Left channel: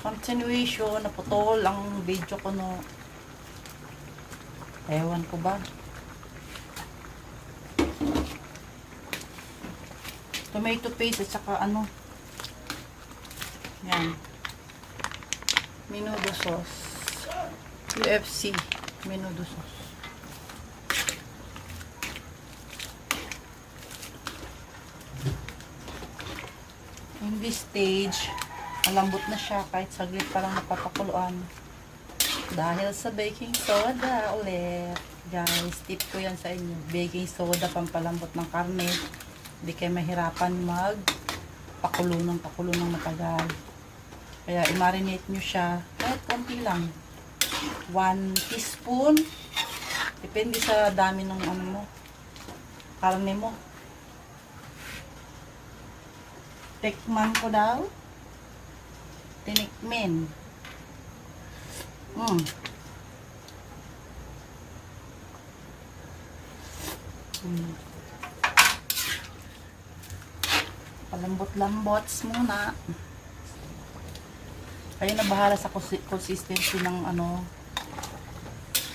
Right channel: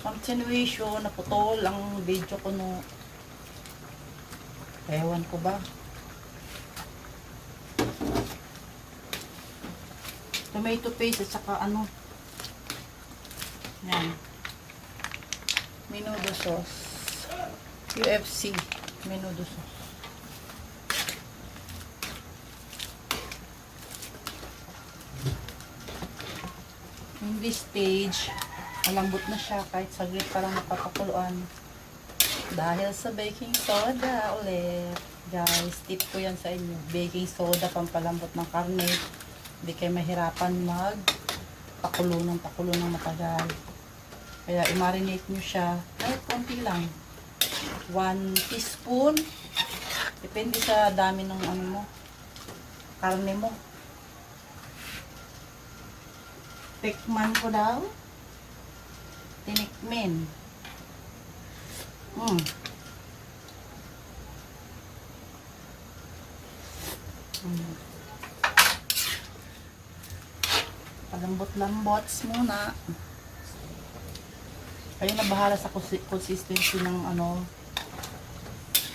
Continuation, naputol ang video ko no. Ewan ko ba. Tomato paste at saka ano. Yan. Menudo sauce. UFC. Menudo sauce. In this stage, malambot na siya kahit saglit parang napapakuluan. Dahil sa baking soda ulit. Guys, tip ko yan sa inyo. Baking soda pampalambot ng karne. Hindi kayo mahirapan pakulo ng matagal. Kaya i-marinate nyo siya. Kahit konti lang. 1 teaspoon. Depende sa dami ng ano mo. Karne mo. Tikman ko daw. Tinikmin. Palambot-lambots muna. Kayo na bahala sa consistency ng ano,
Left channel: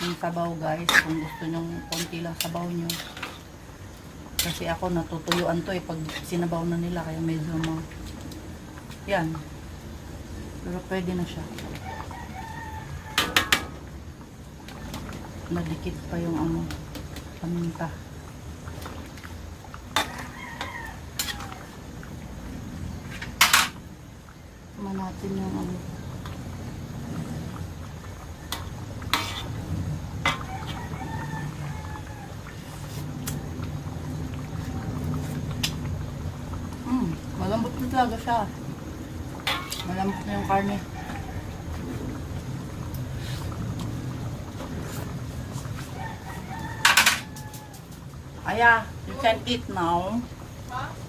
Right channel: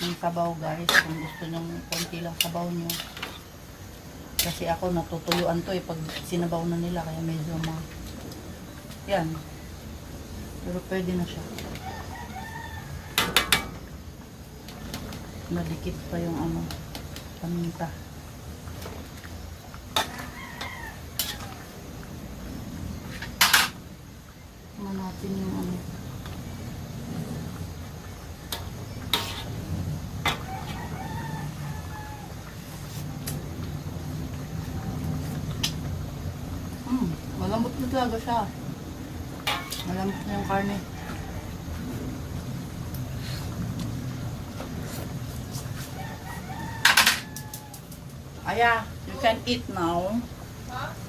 ng sabaw guys. Kung gusto nyo konti lang sabaw nyo. Kasi ako natutuluan to pag sinabaw na nila. Kaya medyo yan. Pero pwede na siya. Madikit pa yung ano, paminta. Natin yung ano. Malambot na talaga siya. Malambot na yung karne. Aya, you can eat now.